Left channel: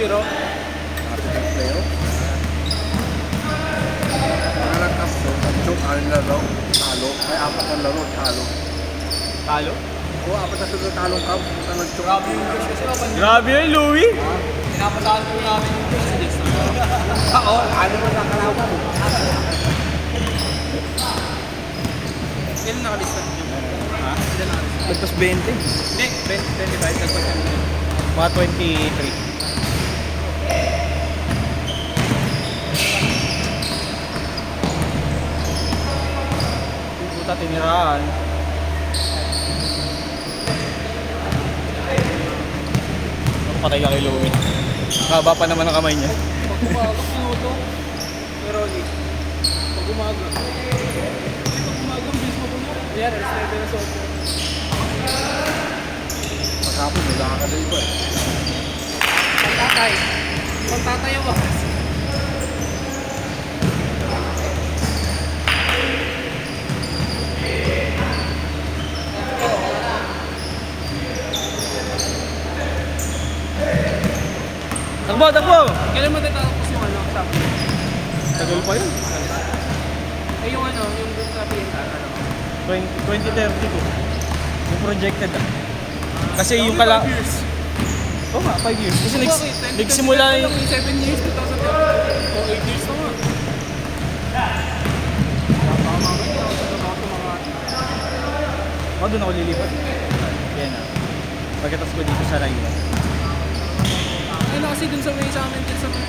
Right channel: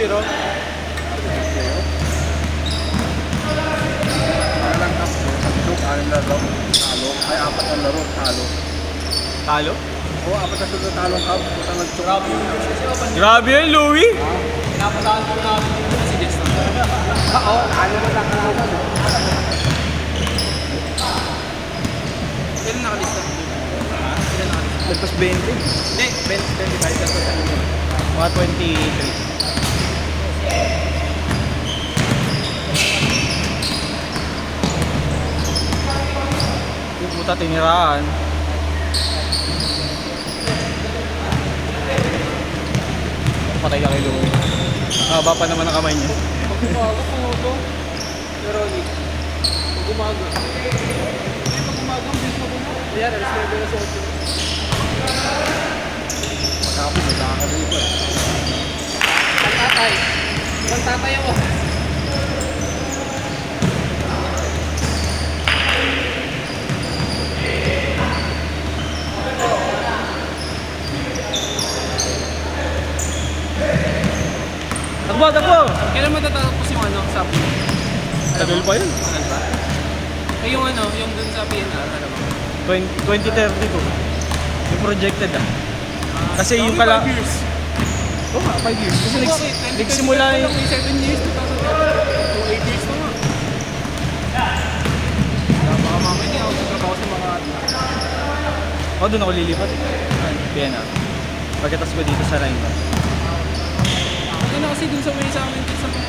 2-0. Talo. Ay, 4 na laro. Talo. Talo? Oo, 4 na sunod talong cup. Puta nag-chok. Grabe yun, Louie! Pinapataan po namin yung messages na. Oo, ano na lang. Kailan nakalista? Ha? Kailan nakalista? Lagpas 20. Hindi, 25. Tapos ang ito. Mga 23. Yung puta tiniraan. Patay ka kay Louie. Haba pa naman ang kamay niya. Pag umaga, minuto. Pero ulit. Pag umaga. Pag umaga, bilis mo puno. Yan, alas 9 na sa 8. Tapos, wala ka dito eh. Pagtatay. Pagtatay ako. Takbo, takbo! Kailan matatapos yung ano, sabi mo? Tagal pa yun. Ano ba? Eh, yung ano, yung dun sa PNR, ano ba? 2030 ko. Yung projected ah. Kasi yung kala... Oo nga, 5 years. Kasi nagsimula yung... 7 years, 2000. O 8 years pa nga. Oo, doon ako lilipat. Kaya na. Pagkatas ko dito sa Rhineland. Okay na kasi dun sa may sa amin, dun sa may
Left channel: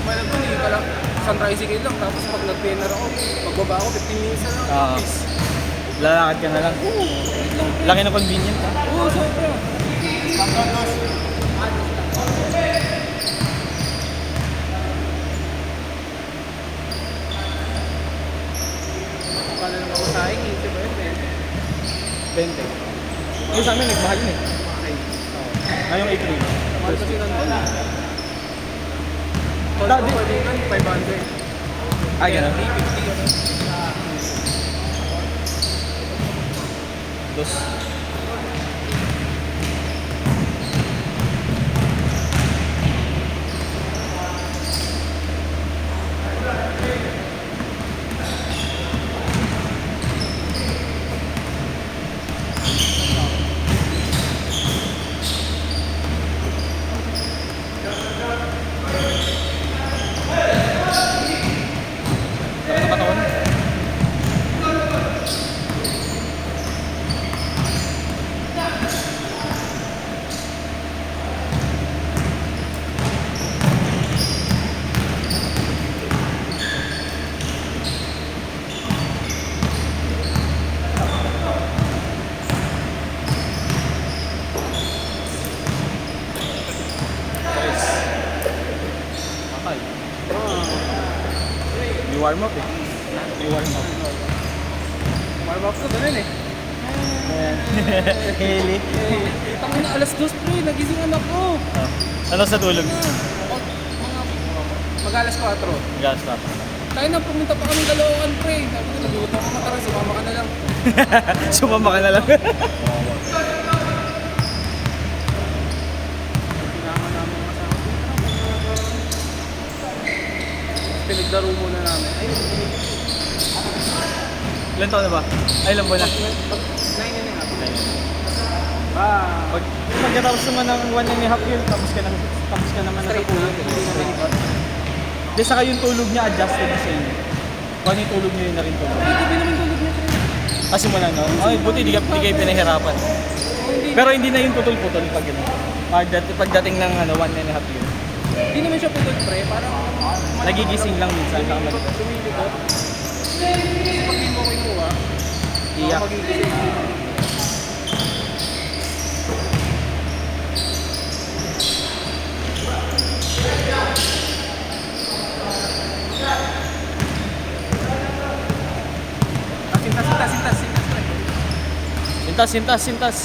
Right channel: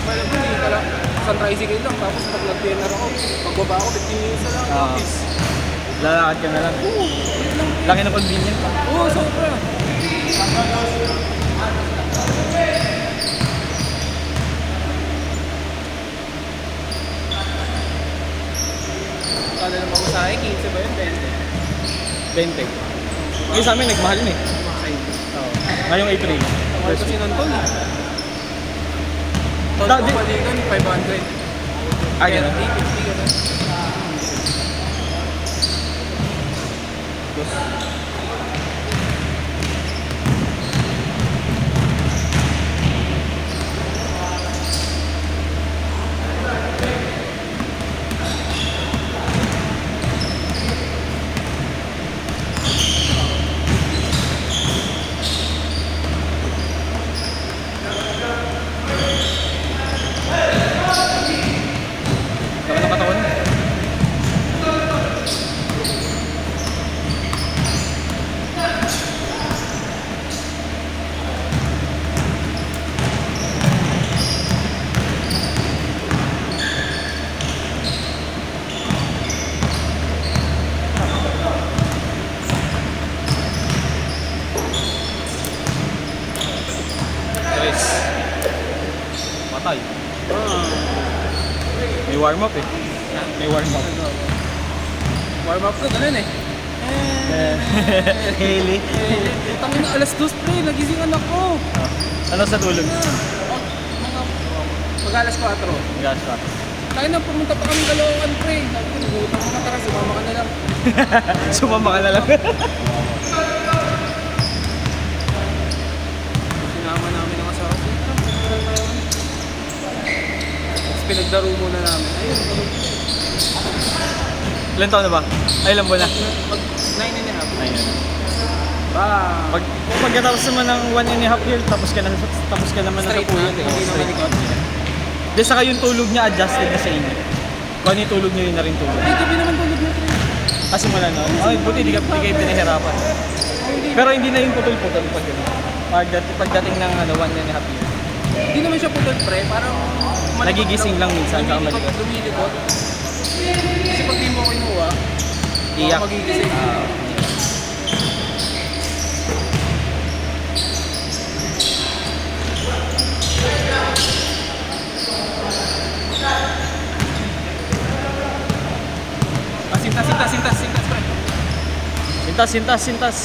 Malabon, yung pala, sa tricycle lang. Tapos pag nag-PNR ako, pagbaba ako, 15 minutes na lang. Oo. Office. Lalakad ka na lang. Oo, wait lang. Laki na convenient ah. Oo, sobra. Kala naman ako sa akin, 15 ba yun? 20. Yung sa amin, nagmahal na eh. Ay, Ngayong April. mahal kasi ng tol. Tol, Dati- pabalikan, 500. Ah, ganun? 350 ka na. Yes. Laki ng katawan mo. Guys. Matay. May warm up eh. May warm up. Warm up ko, ganun eh. Really? Tangin na, alas 2 pre, nagising anak ko. Ano sa tulog? Mga mag-alas 4. Gas pa. Tayo na pumunta pa kami Caloocan pre. Sabi ko, nag-uutang ka matara, sumama ka na lang. Sumama ka na lang. Sinama namin ang asawa ko. Tapos pinagdaro muna namin. Ayun, Ilan taon na ba? Ay, ilan buwan na? 9 and a half. Ayun. Ah, Pagkatapos naman ng 1.5 year, tapos ka naman na sa straight na, tulog. hindi na binigyan. Di saka yung tulog niya adjusted na sa inyo. Bani tulog niyo rin na rin tulog. Ay, gabi naman tulog na pre. Kaso mo na no? Ay, buti di kayo pinahirapan. Pero hindi na yung putol-putol pag gano'n. Pagdating ng 1.5 year. Hindi naman siya putol pre, parang Nagigising lang minsan. Lumilikot. Kasi pag di mo kinuha, Iyak. magigising. Sintas. Sintas.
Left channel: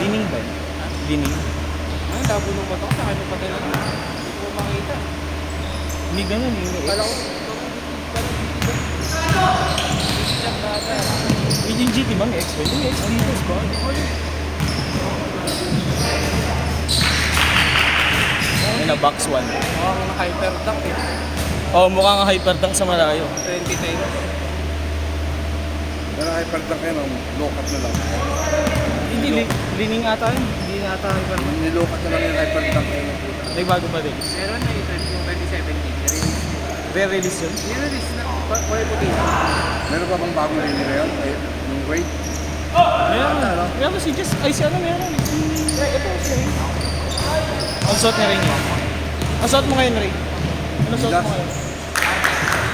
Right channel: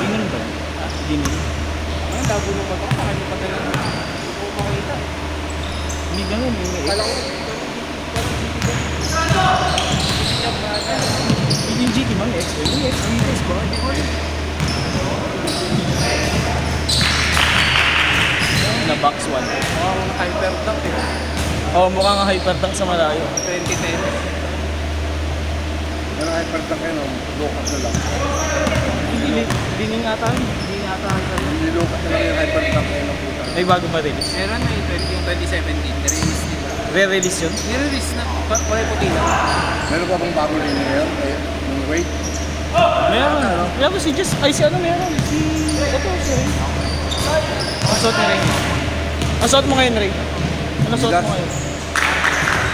Dining ba? Dining. Ang labo ng mata ko, saan yung padala na? Hindi ko makita. Hindi ganyan eh. Kala ko, parang Yung GT man, X. Yung X. Ang boss ba? Hindi ko alam. Na box 1. Mukhang hyperduck eh. Oo, mukhang hyperdunk sa malayo. 2010. Pero ay pagka kayo, lokat na lang. Hindi, lining ata yun. Hindi na ata rin kami. Nilokat na lang yung hyperduck kayo ng puta. Ay, bago pa release. Meron na yung 2017. Nirelease nila. Re-release yun? Nirelease na. Kulay puti na. Meron pa bang bagong linya ngayon? Ay, yung weight? Meron. Meron si Jess. Ay, si ano meron? Si... Ito, si Ray. Ang suot mo rin yan. Ang suot mo ngayon, Ray. Ano suot mo ngayon?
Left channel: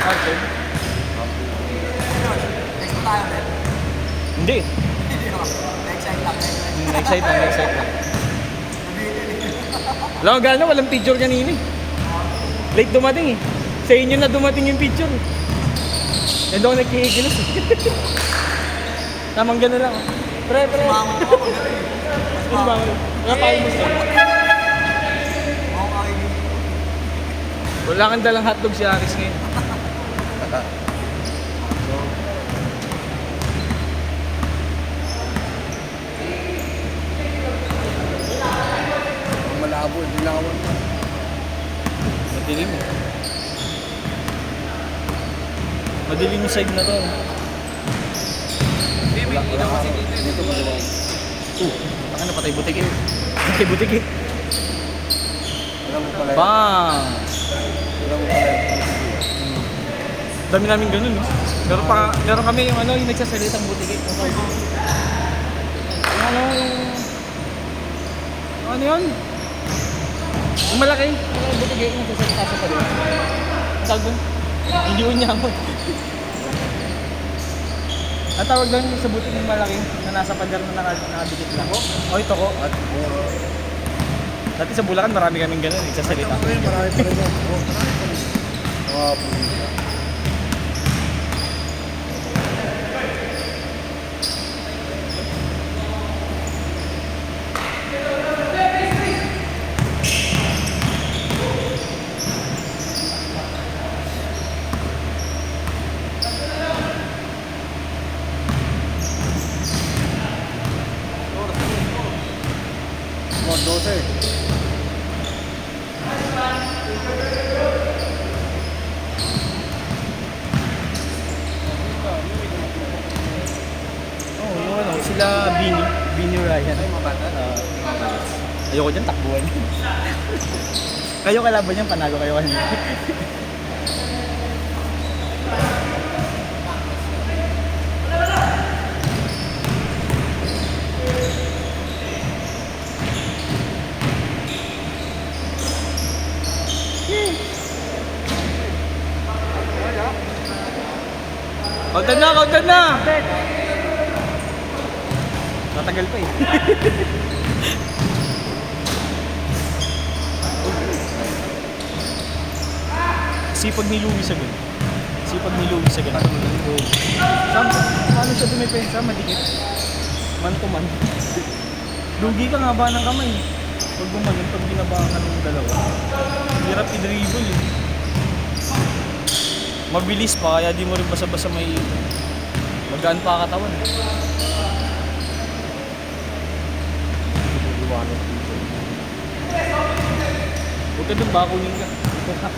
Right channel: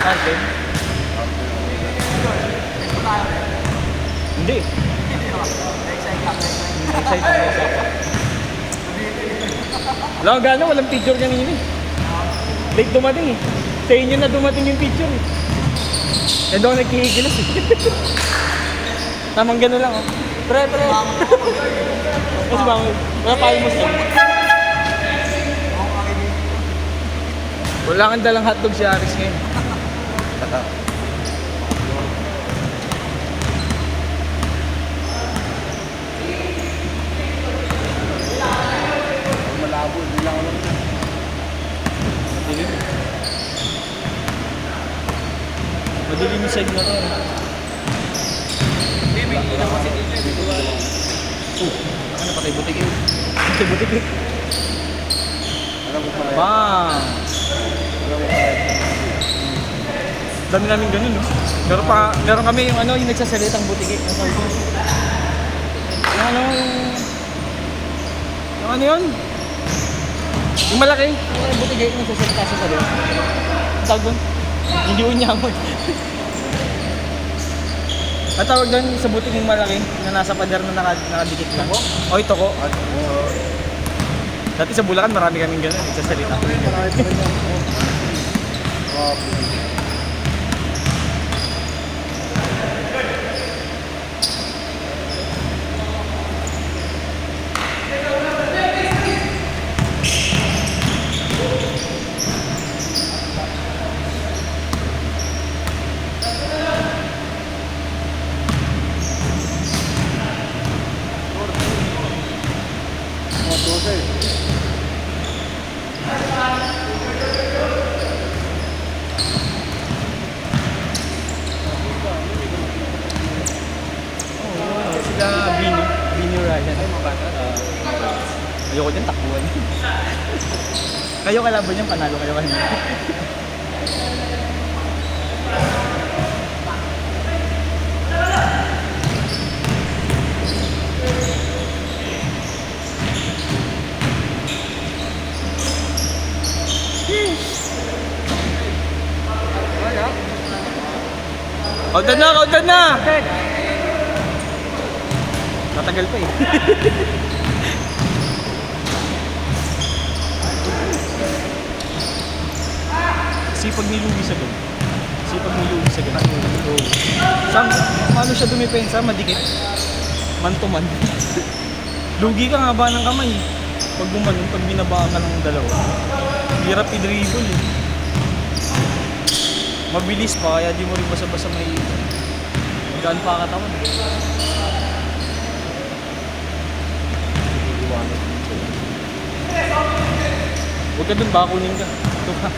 Okay. Hindi. Excite lang, excite lang. Wala ko gano'n, walang picture kanina eh. Late dumating eh. Sa inyo na dumating yung picture eh. Eh doon nagkikilos eh. Tamang gano'n lang oh. Pre. Kasi ba, wala tayo mo sila. Wala kang dalang hotdog si Aris ngayon. Malabo, hindi lang ako. Madilim. Madilim yung side na to eh. Hindi, may ilaw kasi dito eh. May duwala eh. Ano patay butik eh. Patay butik eh. Alam mo pala. Bang! Dami namin ganun no? Meron kami yung ano, yung nagsasalitang butik eh. Yung ano yun? Yung malaki. Yung butik eh, yung nagsasalita sa salita. Tawag doon? Hindi unyamot. Ang tawag doon sa butik yung malaki na nasa pader na nakadikit lang. O ito ko. At, Dati sa Bulacan marami kaming ganun, nagsasalita. Sila Bini Ryan. Ay, mabata. Ayoko dyan, takbuhan. Kayo kalaban niyan, panalo kayo kanina. Countdown na! Tatagal pa eh. Sipag ni Louie sa gun. Sipag ni Louie sa gun. Oo. Paano siya dumepensa? Madikit. Man to man. Lugi ka nga ba ng kamay? Pag gumanon, pag binaba ka ng dalawa. Hirap i-dribble eh. Mabilis pa, kaya di mo rin basa-basa may magaan pa katawan. Huwag ka dun, baka kunin ka. Ito pa.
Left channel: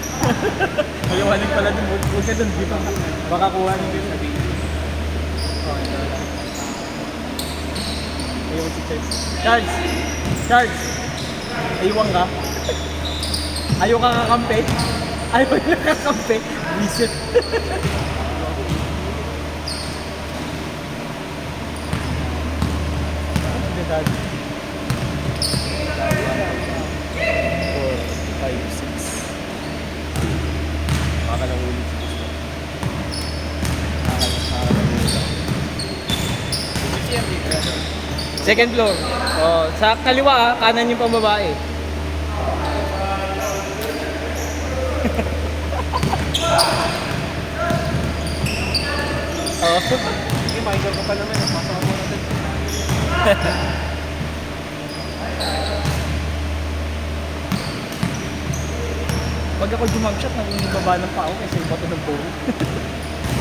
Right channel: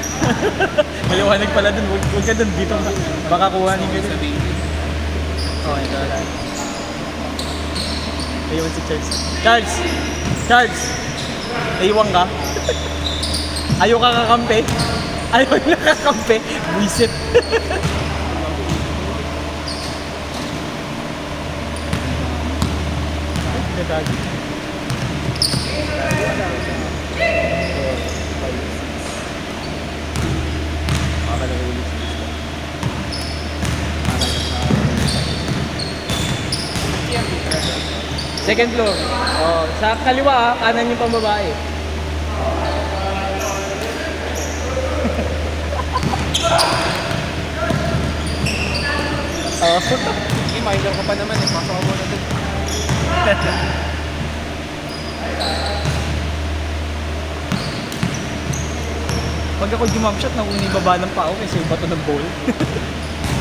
Maliwanag pala dun, huwag ka dun, dito ka. Baka kuhanin ka dun. Ayun si Charles. Charles! Aywan ka? Ayaw ka kakampi? Ayaw na kakampi? Visit. Dadali. 4, 5, 6. Baka lang ulit. Second floor. Oh, sa kaliwa kanan yung pambabae. Oh. Hindi, mahigaw ka pa naman eh. Pasok ako na dun. Pag ako jump shot, nakunin baba ng pao kasi iba to nag-bowl.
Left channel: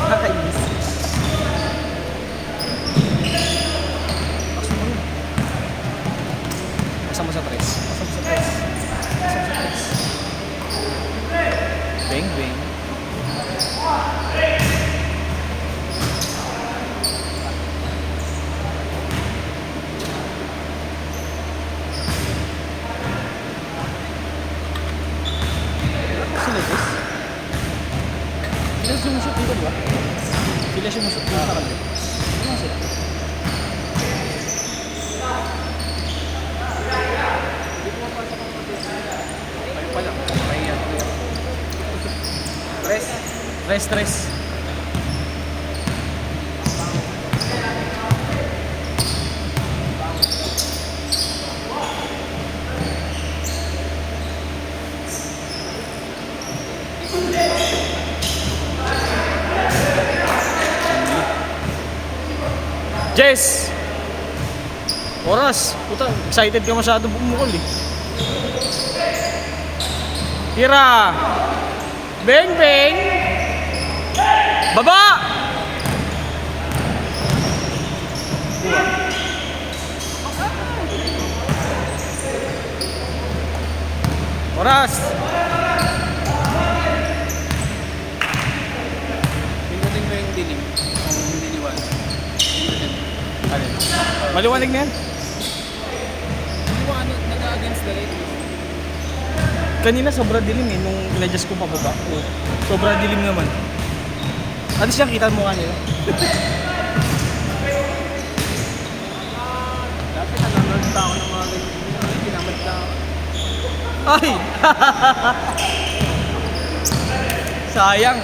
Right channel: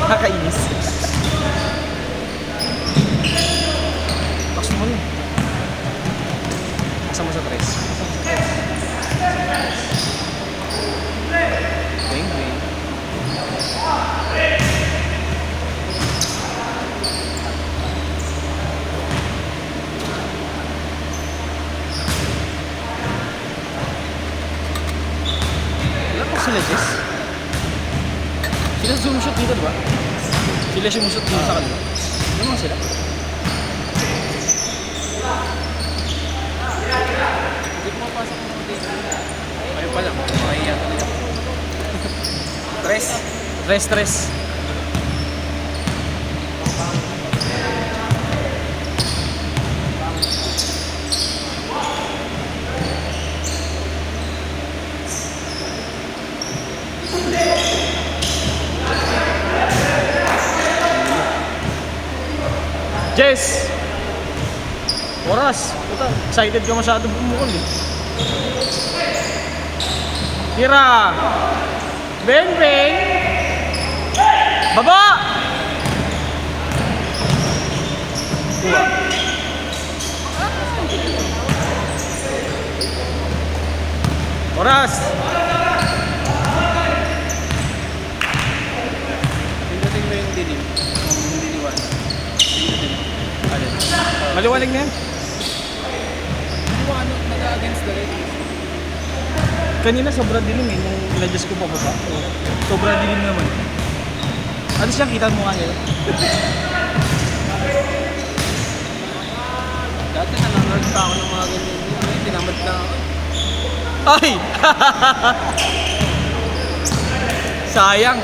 Nakakainis. nasa tres. Bang, bang. Sila Jess? Sila sumushoot dito ba? Sila sumushoot dito sa kanila. Ano mga sila? Hindi ko mapasok ng dito. Ayun pa lang. Naiyak na yun. Tres. Tres. Jess! Oras! Puta, excited ka masyado bumukol eh. Tira! Bang bang! Baba! Oras! Pindating na yung dilim. Kung hindi liwanag. Pindating mo. Maliwanag na yan. Liwanag, nag-against the light. Kanina sobrang dilim eh, nung iladjust ko pababa. Sobrang dilim naman. Ano siyang kita mo kanina? Dati nag-learn pa ako ng mga ganyan. Ngayon, tinamad na ako. Ay! Sayang!